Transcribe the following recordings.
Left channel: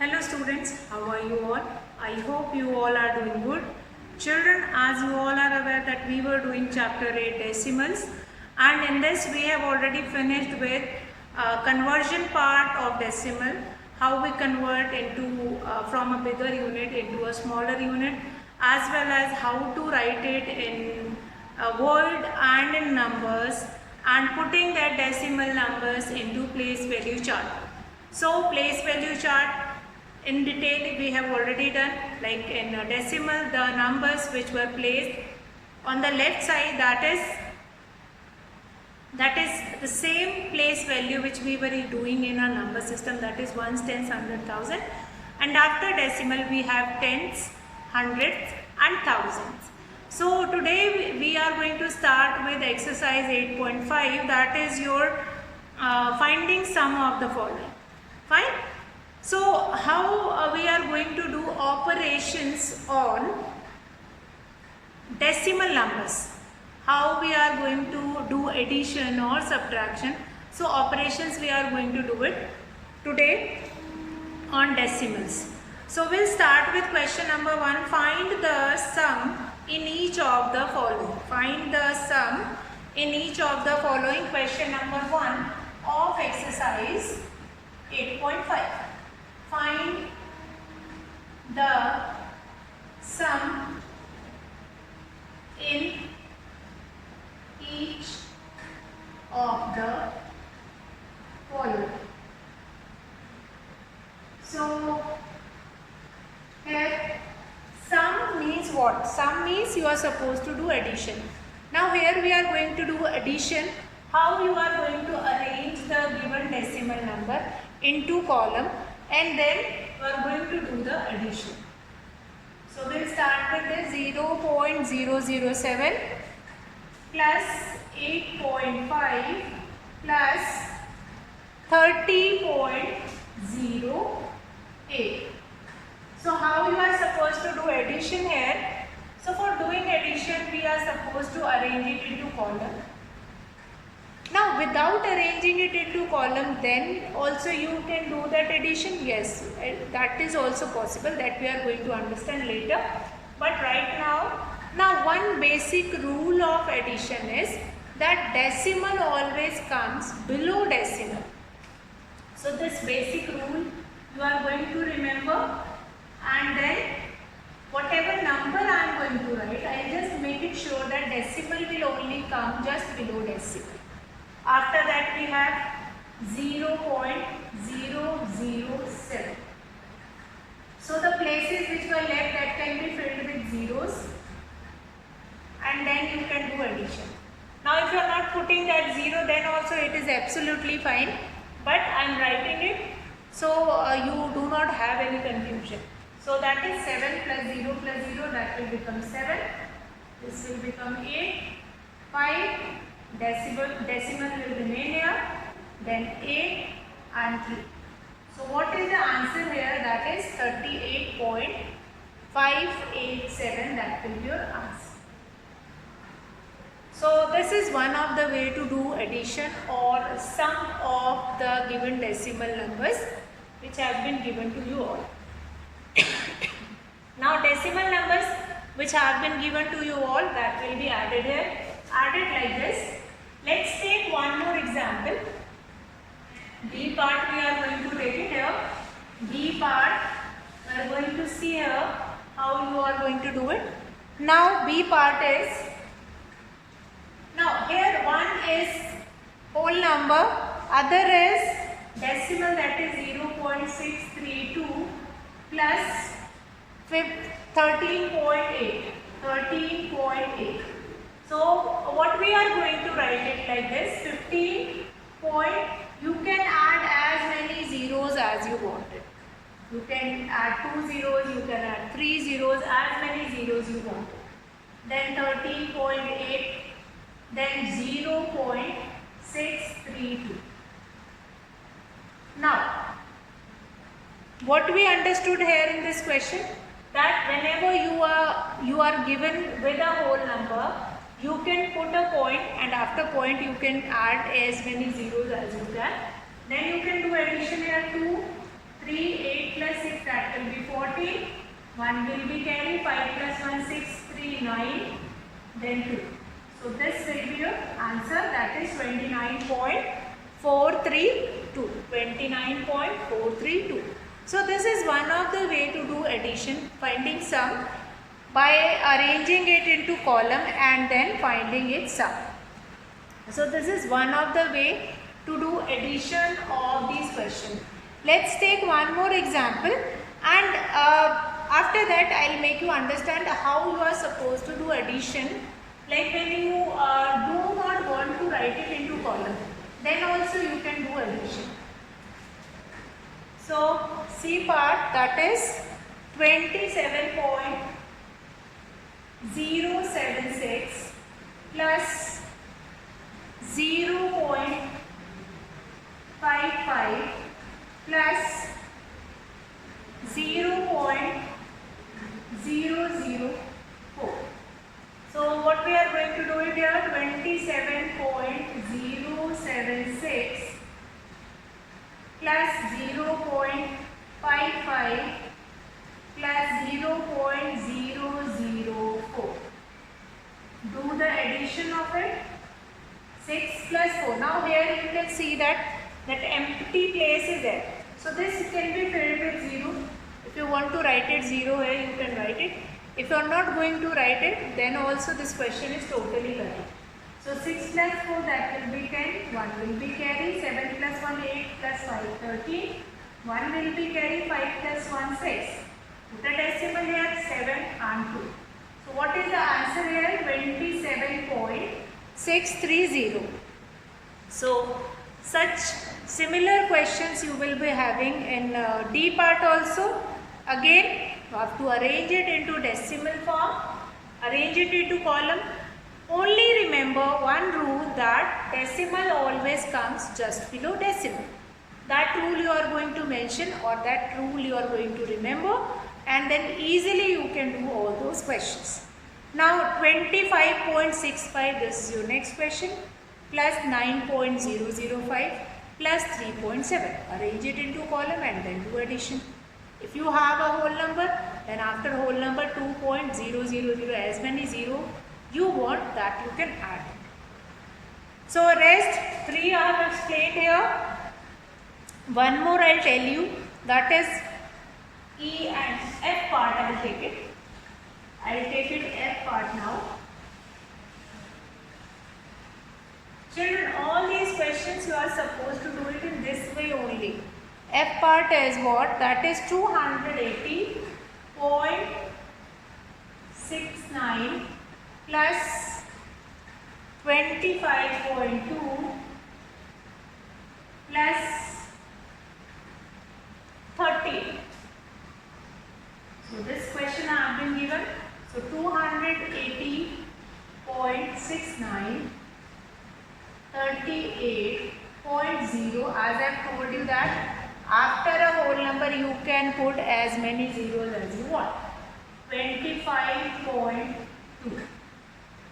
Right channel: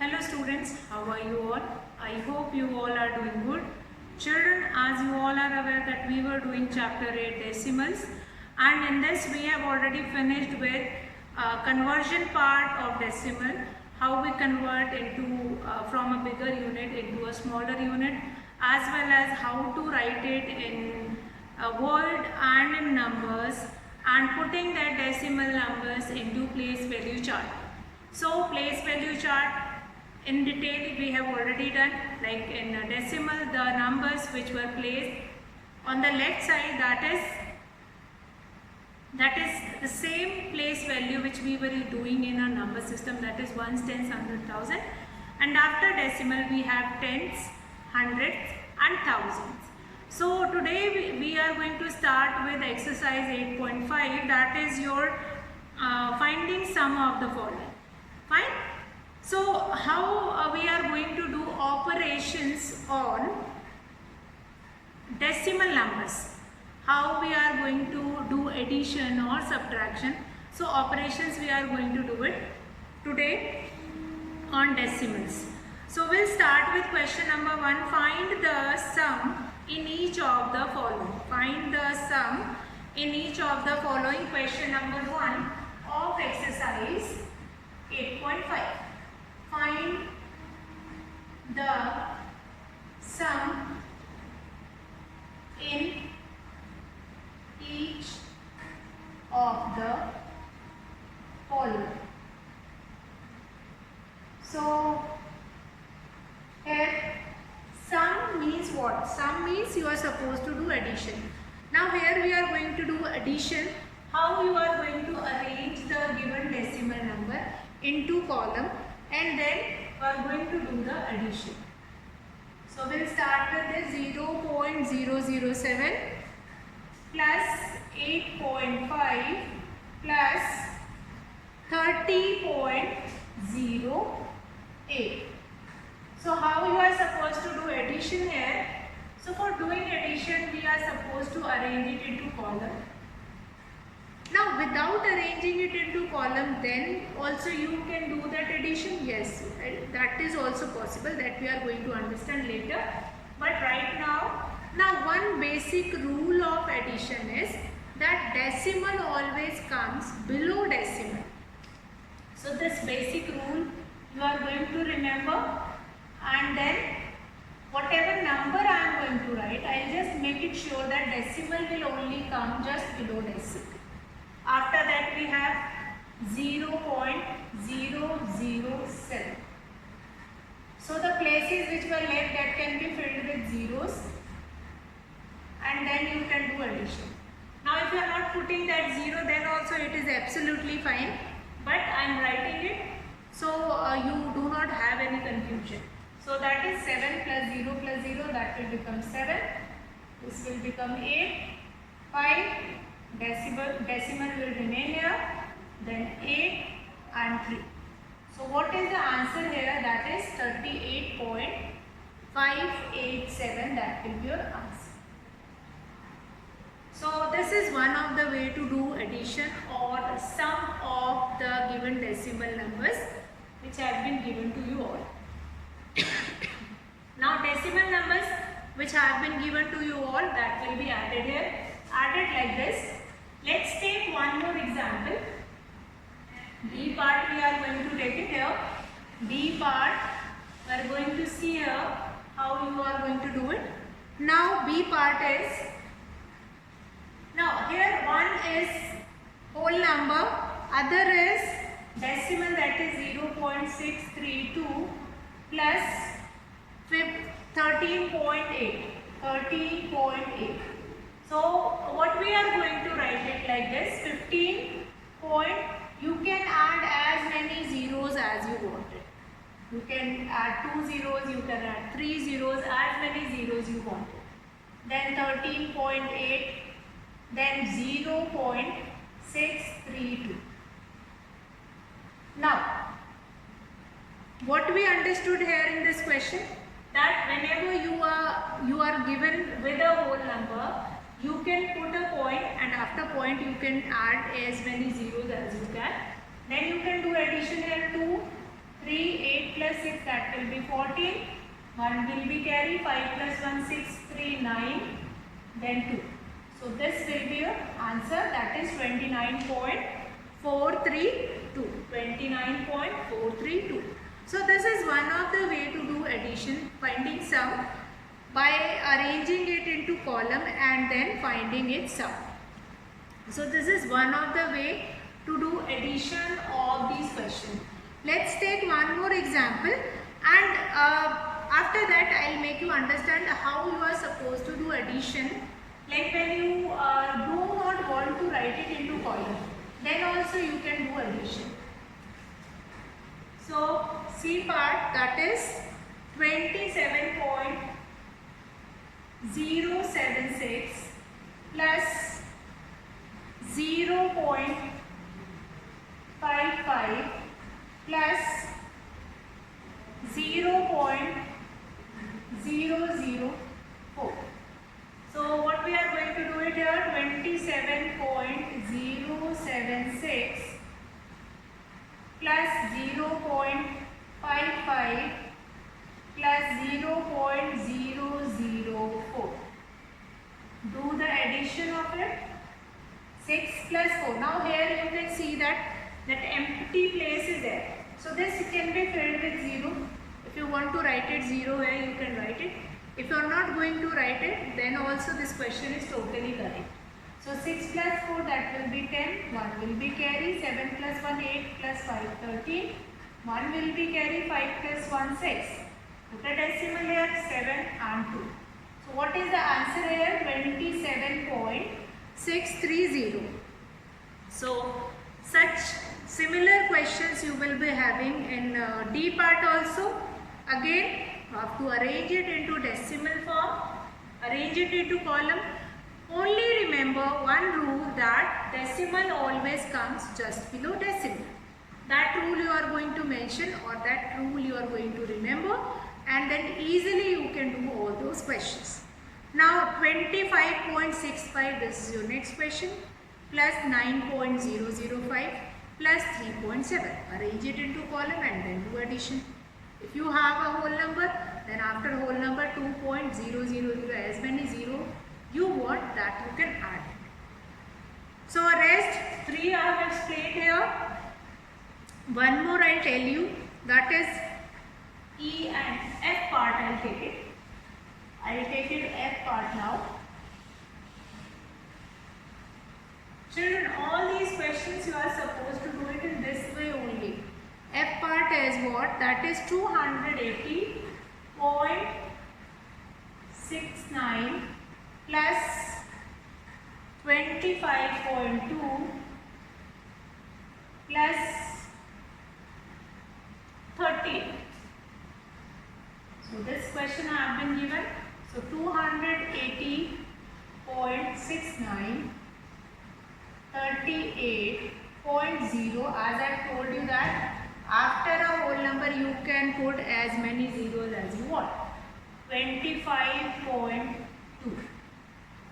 Hello students, how are you all? I hope you all are doing good. Children, as you all are aware that we were doing chapter 8 decimals, and in this we have already finished with conversion part of decimal, how we convert into from a bigger unit into a smaller unit, as well as how to write it in word and in numbers, and putting that decimal numbers into place value chart. So place value chart in detail we have already done, like in decimal the numbers which were placed on the left side, that is the same place value which we were doing in our number system, that is ones, tens, hundred, thousand, and after decimal we have tens, hundreds and thousands. So today we are going to start with exercise 8.5, that is your finding sum of the following. Fine. So how we are going to do operations on decimal numbers, how we are going to do addition or subtraction. So operations we are going to do it today on decimals. So we'll start with question number 1. Find the sum in each of the following. Find the sum in each of the following. Question number 1 of exercise 8.5. Find the sum in each of the following. So here sum means what? Sum means you are supposed to do addition. Now here we are going to do addition. How you are going to arrange the given decimal number into column, and then we are going to do the addition. So we'll start with the 0.007 plus 8.5 plus 30.08. So how you are supposed to do addition here? So for doing addition we are supposed to arrange it into column. Now without arranging it into column, then also you can do that addition. Yes, that is also possible, that we are going to understand later. But right now one basic rule of addition is that decimal always comes below decimal. So this basic rule you are going to remember, and then whatever number I am going to write, I will just make it sure that decimal will only come just below decimal. After that we have 0.007. So the places which were left, that can be filled with zeros, and then you can do addition. Now if you are not putting that 0, then also it is absolutely fine, but I am writing it so you do not have any confusion. So that is 7 plus 0 plus 0, that will become 7. This will become 8, 5. Decimal will remain here, then 8 and 3. So what is the answer here? That is 38.587. That will be your answer. So this is one of the way to do addition or sum of the given decimal numbers which have been given to you all. Now decimal numbers which have been given to you all, that will be added here. Added like this. Let's take one more example. B part we are going to take it here. B part we are going to see here how you are going to do it. Now B part is, now here one is whole number, other is decimal, that is 0.632 plus 13.8. So what we are going to write it like this, 15 point, you can add as many zeros as you wanted. You can add 2 zeros, you can add 3 zeros, as many zeros you wanted. Then 13.8, then 0.632. Now, what we understood here in this question, that whenever you are given with a whole number, you can put a point, and after point you can add as many zeros as you can. Then you can do addition here. 2, 3, 8 plus 6 that will be 14. 1 will be carry. 5 plus 1 6, 3 9, then 2. So this will be your answer, that is 29.432. 29.432. So this is one of the way to do addition, finding sum by arranging it into column and then finding its sum. So this is one of the way to do addition of these questions. Let's take one more example, and after that I will make you understand how you are supposed to do addition. Like when you do not want to write it into column, then also you can do addition. So C part, that is 27.076 plus 0.55 plus 0.004. So what we are going to do it here, 27.076 plus 0.55 plus 0.004. Do the addition of it. 6 plus 4. Now here you can see that empty place is there. So this can be filled with 0. If you want to write it 0 here, you can write it. If you are not going to write it, then also this question is totally correct. So 6 plus 4, that will be 10. 1 will be carry. 7 plus 1 8 plus 5 13. 1 will be carry. 5 plus 1 6. Put a decimal here, 7 and 2. So what is the answer here? 27.630. So such similar questions you will be having in D part also. Again, you have to arrange it into decimal form, arrange it into column. Only remember one rule, that decimal always comes just below decimal. That rule you are going to mention, or that rule you are going to remember, and then easily you can do all those questions. Now 25.65, this is your next question, plus 9.005 plus 3.7. Arrange it into column and then do addition. If you have a whole number, then after whole number 2.000, as many 0 you want, that you can add. So rest 3 I have explained here. One more I will tell you, that is E and F part. I will take it. I will take it F part now. Children, all these questions you are supposed to do it in this way only. F part is what? That is 280.69 plus 25.2 plus 30. So this question I have been given. So 280.69, 38.0. As I have told you that after a whole number you can put as many zeros as you want. 25.2.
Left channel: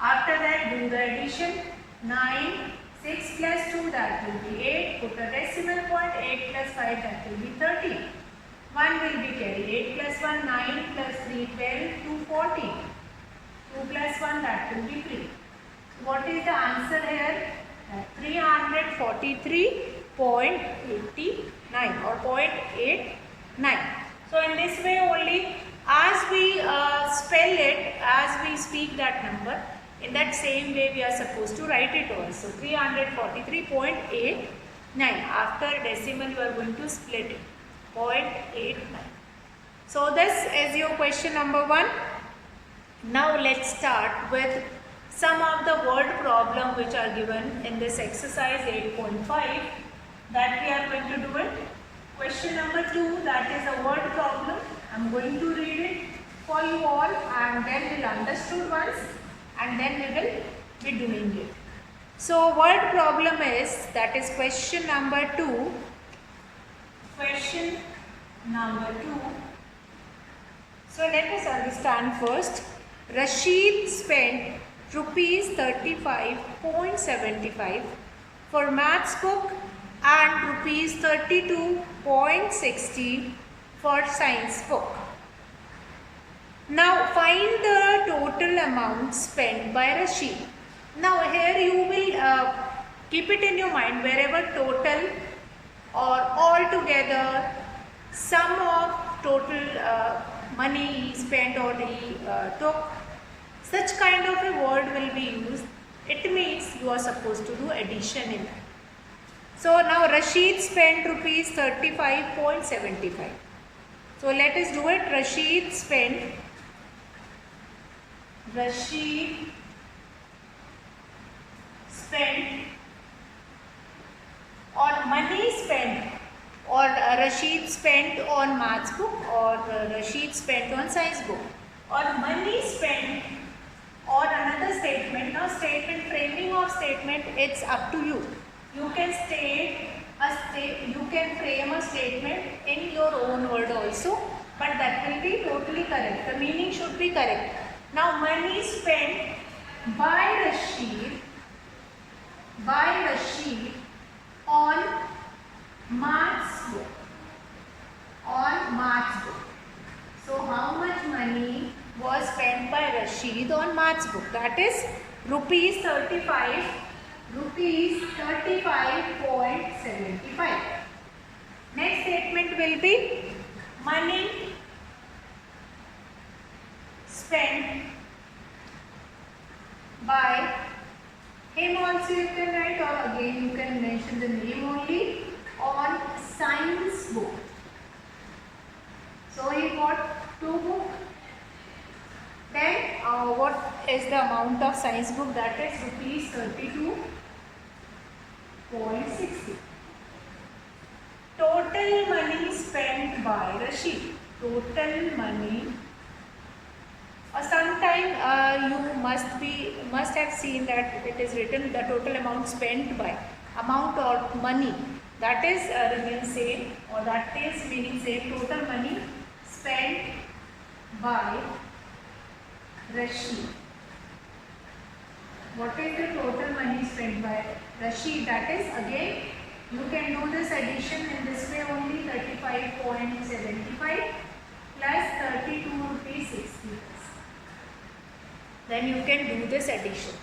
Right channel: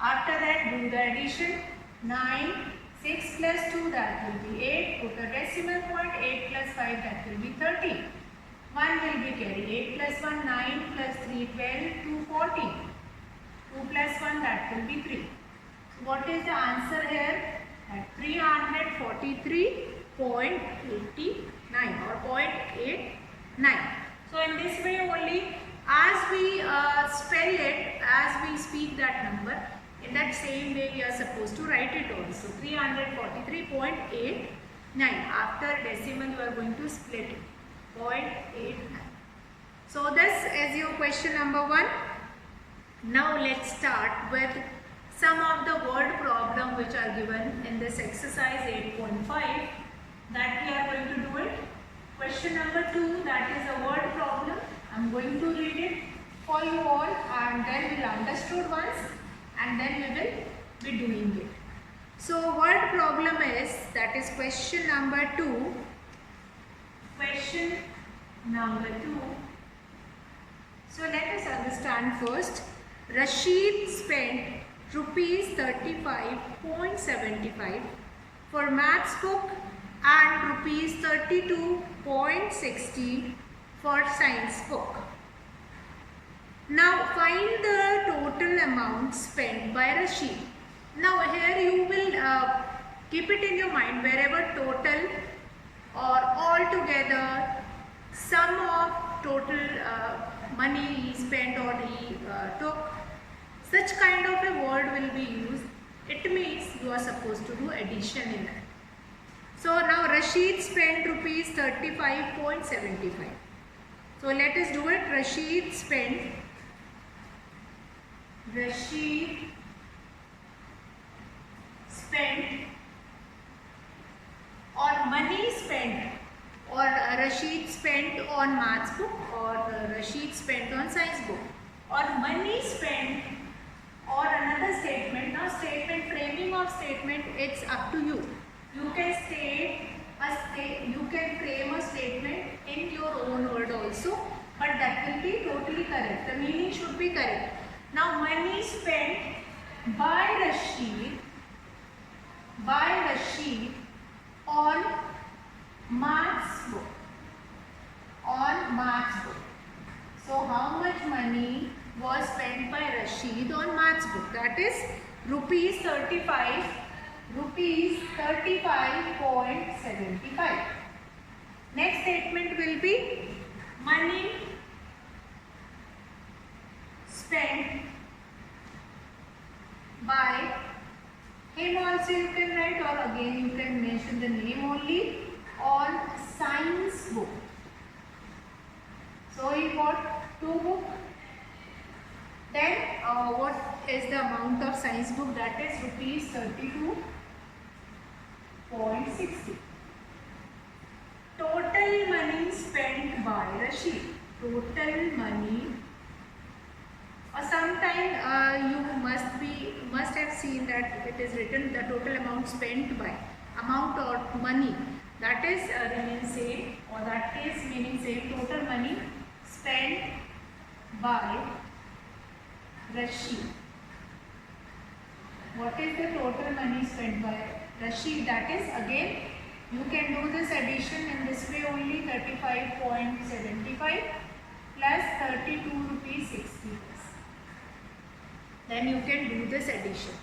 After that do the addition. 9, 6 plus 2, that will be 8. Put a decimal point. 8 plus 5, that will be 13. 1 will be carry. 8 plus 1 9 plus 3 12, 2 14. 2 plus 1, that will be 3. So what is the answer here? That 343.89 or 0.89. So in this way only, as we spell it, as we speak that number, in that same way we are supposed to write it also. 343.89. After decimal you are going to split it. 0.89. So this is your question number 1. Now let's start with some of the word problem which are given in this exercise 8.5, that we are going to do it. Question number 2, that is a word problem. I am going to read it for you all, and then we will understood once, and then we will be doing it. So word problem is, that is question number 2. Question number 2. So let us understand first. Rashid spent rupees 35.75 for maths book and rupees 32.60 for science book. Now find the total amount spent by Rashid. Now here you will keep it in your mind, wherever total or altogether, sum of total money he spent or he took, such kind of a word will be used. It means you are supposed to do addition in that. So now Rashid spent rupees 35.75. So let us do it. Rashid spent on money spent, or Rashid spent on maths book, or Rashid spent on science book, or money spent, or another statement. Now statement, framing of statement, it's up to you. You can you can frame a statement in your own word also, but that will be totally correct. The meaning should be correct. Now money spent by Rashid on maths book. So how much money was spent by Rashid on maths book? That is rupees 35.75. Next statement will be money spent by him, also you can write, or again you can mention the name only, on science book. So he bought 2 books. Then what is the amount of science book? That is rupees 32.60. Total money spent by Rashid. Total money. Or sometime you must have seen that it is written the total amount spent by, amount or money, that is remains same, or that is meaning same. Total money spent by Rashid. What is the total money spent by Rashid? That is, again you can do this addition in this way only. 35.75 plus 32 rupees 60. Then you can do this addition.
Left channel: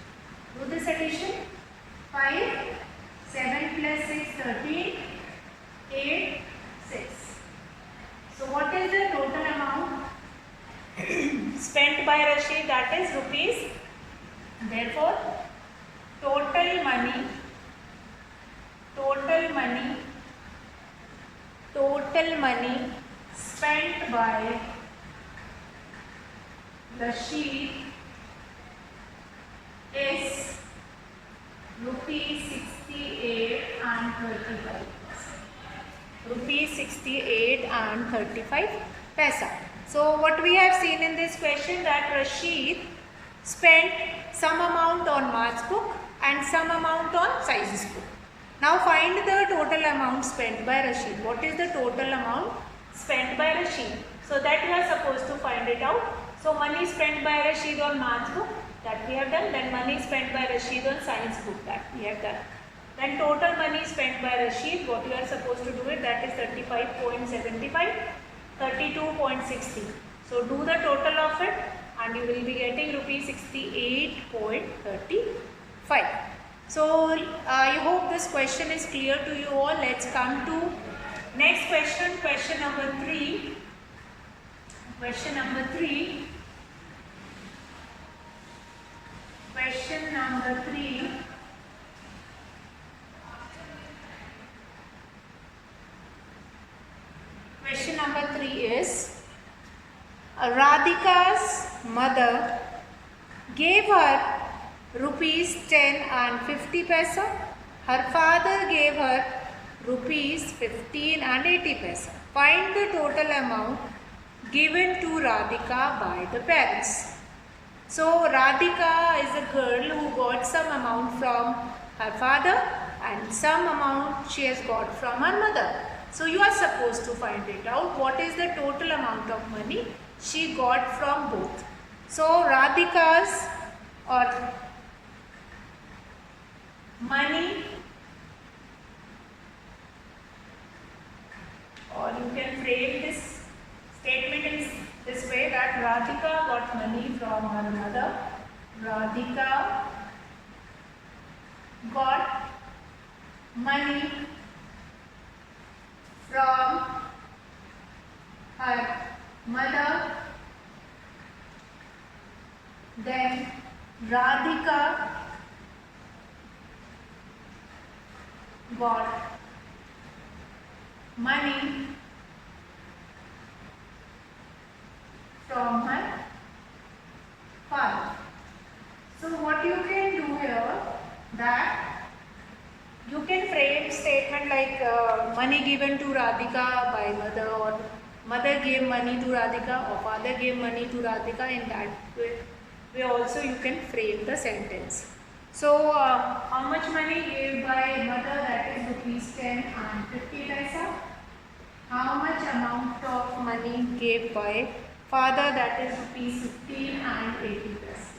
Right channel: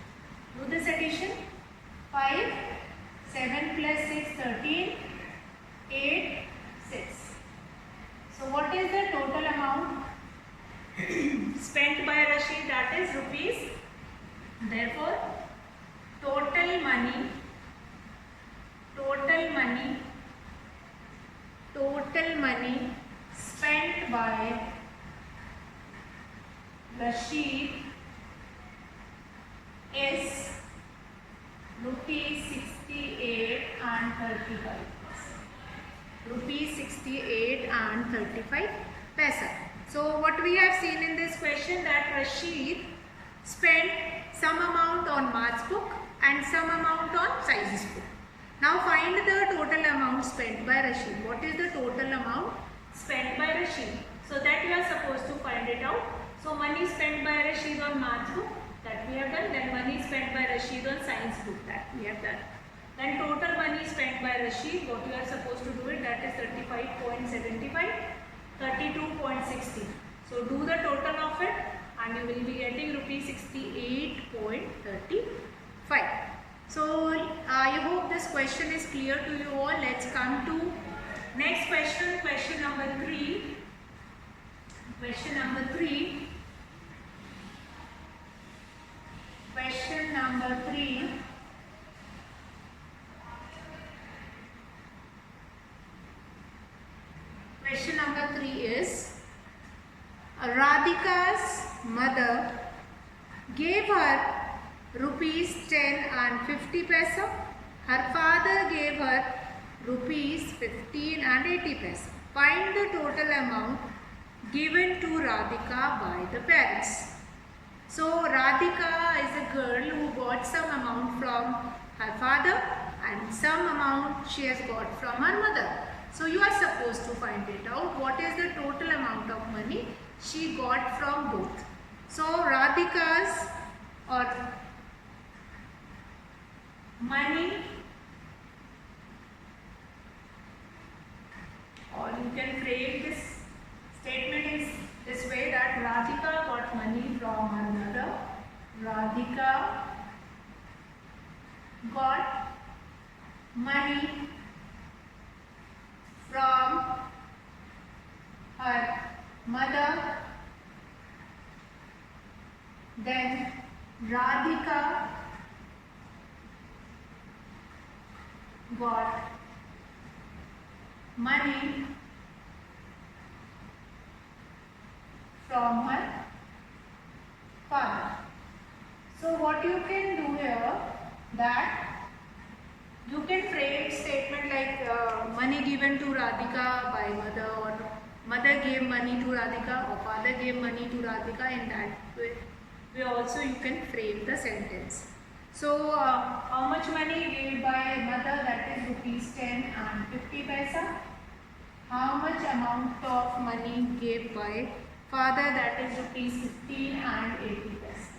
5, 7 plus 6, 13, 8, 6. So what is the total amount spent by Rashid? That is rupees. Therefore, total money spent by Rashid is rupees 68 and 35. Rupees 68 and 35 paisa. So what we have seen in this question, that Rashid spent some amount on maths book and some amount on science book. Now find the total amount spent by Rashid. What is the total amount spent by Rashid? So that we are supposed to find it out. So money spent by Rashid on maths book, that we have done. Then money spent by Rashid on science book, that we have done. Then total money spent by Rashid, what you are supposed to do it, that is 35.75, 32.60. So do the total of it and you will be getting rupees 68.35. So I hope this question is clear to you all. Let's come to next question, question number 3. Question number 3. Question number 3. Question number 3 is, Radhika's mother gave her rupees 10 and 50 paisa. Her father gave her rupees 15 and 80 paisa. Find the total amount given to Radhika by the parents. So Radhika is a girl who got some amount from her father and some amount she has got from her mother. So you are supposed to find it out. What is the total amount of money she got from both? So Radhika's or money, or you can frame this Radhika got money from her mother. Radhika got money from her mother. Then Radhika got money from her father. So what you can do here, that you can frame statement like money given to Radhika by mother, or mother gave money to Radhika, or father gave money to Radhika. In that way also you can frame the sentence. So how much money gave by mother, that is rupees 10 and 50 paisa. How much amount of money gave by father, that is rupees 15 and 80 paisa.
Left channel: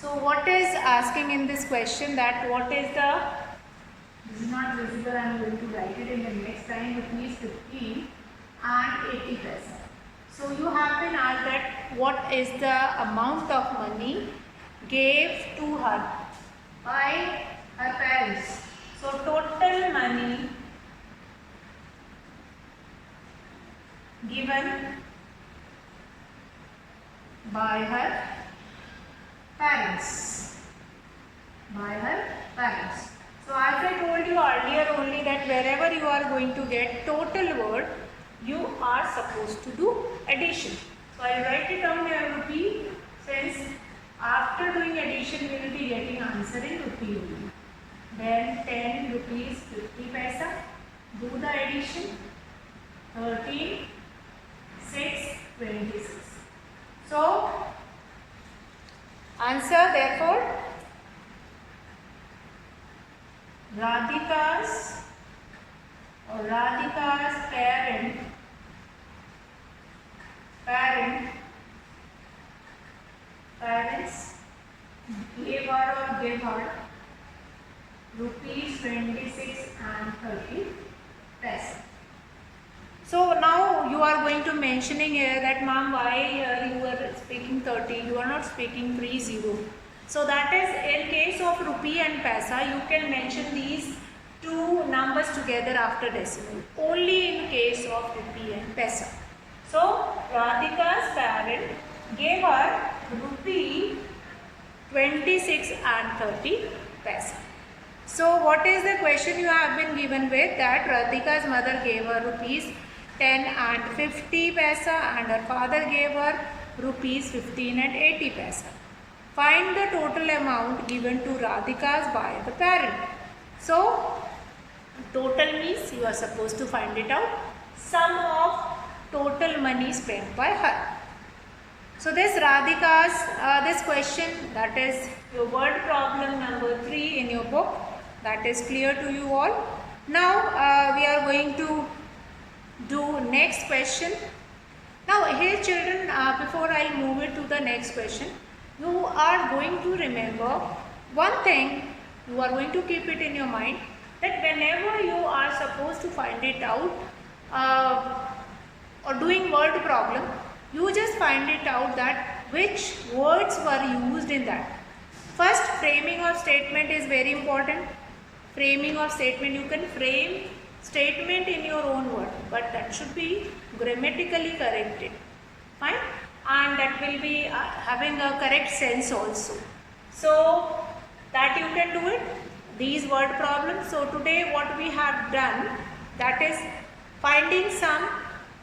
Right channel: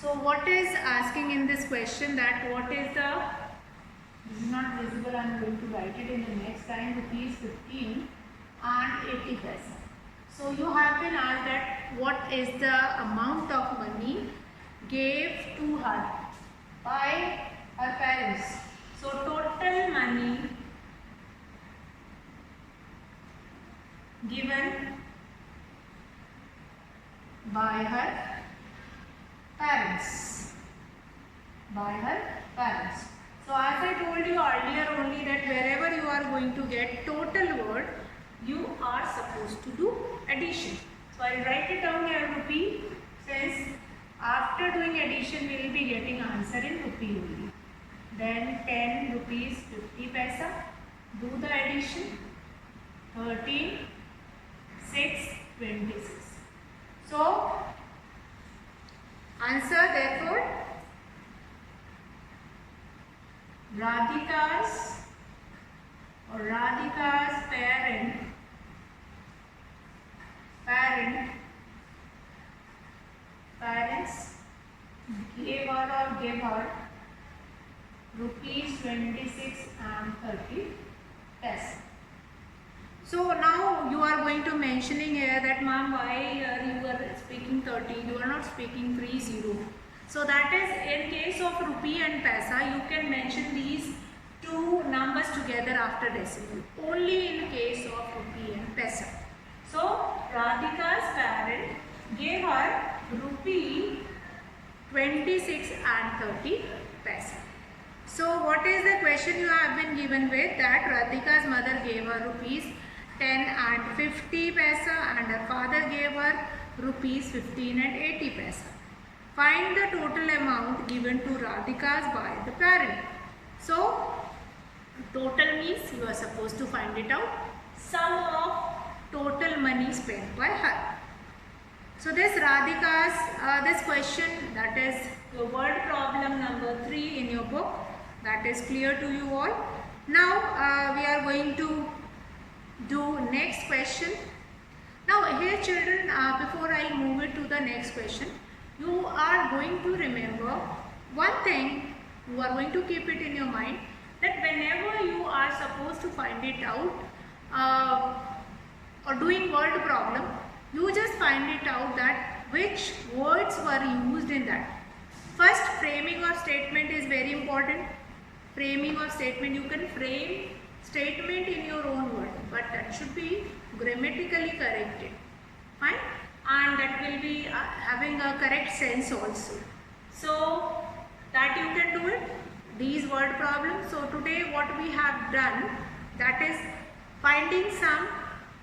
So what is asking in this question, that what is the, this is not visible, I am going to write it in the next line, rupees 15 and 80 paisa. So you have been asked that what is the amount of money gave to her by her parents. So total money given by her parents. By her parents. So as I told you earlier only, that wherever you are going to get total word, you are supposed to do addition. So I will write it down here rupee, since after doing addition we will be getting answer in rupee only. Then 10 rupees 50 paisa, do the addition, 13, 6, 26. So answer therefore, Radhika's parents gave her rupees 26 and 30 paisa. So now you are going to mentioning here that ma'am, why here you are speaking 30, you are not speaking 30. So that is in case of rupee and paisa, you can mention these two numbers together after decimal, only in case of rupee and paisa. So Radhika's parent gave her rupee 26 and 30 paisa. So what is the question you have been given with, that Radhika's mother gave her rupees 10 and 50 paisa and her father gave her rupees 15 and 80 paisa. Find the total amount given to Radhika's by the parent. So total means you are supposed to find it out, sum of total money spent by her. So this Radhika's, this question, that is your word problem number 3 in your book, that is clear to you all. Now we are going to do next question. Now here children, before I move it to the next question, you are going to remember one thing, you are going to keep it in your mind, that whenever you are supposed to find it out or doing word problem, you just find it out that which words were used in that. First, framing of statement is very important. Framing of statement, you can frame statement in your own word, but that should be grammatically corrected, fine, and that will be having a correct sense also. So that you can do it, these word problems. So today what we have done, that is finding sum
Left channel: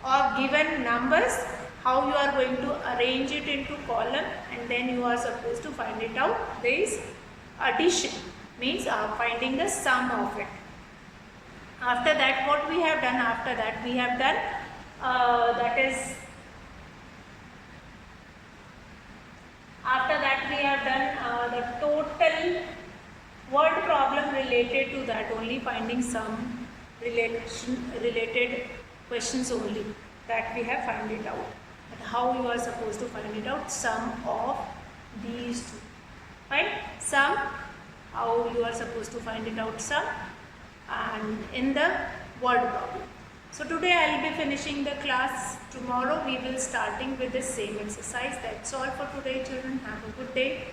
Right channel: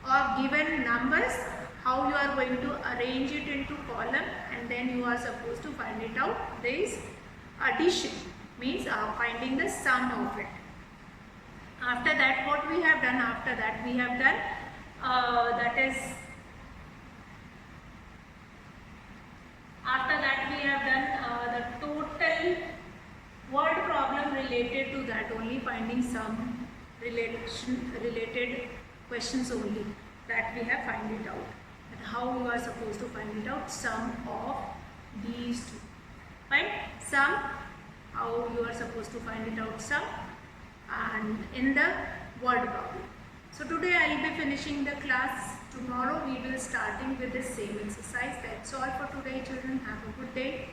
of given numbers, how you are going to arrange it into column, and then you are supposed to find it out. There is addition, means finding the sum of it. After that what we have done, after that we have done that is, after that we have done the total word problem related to that only, finding some related questions only, that we have find it out, that how you are supposed to find it out, sum of these two, fine, sum, how you are supposed to find it out, sum, and in the word problem. So today I will be finishing the class. Tomorrow we will starting with the same exercise. That's all for today, children. Have a good day.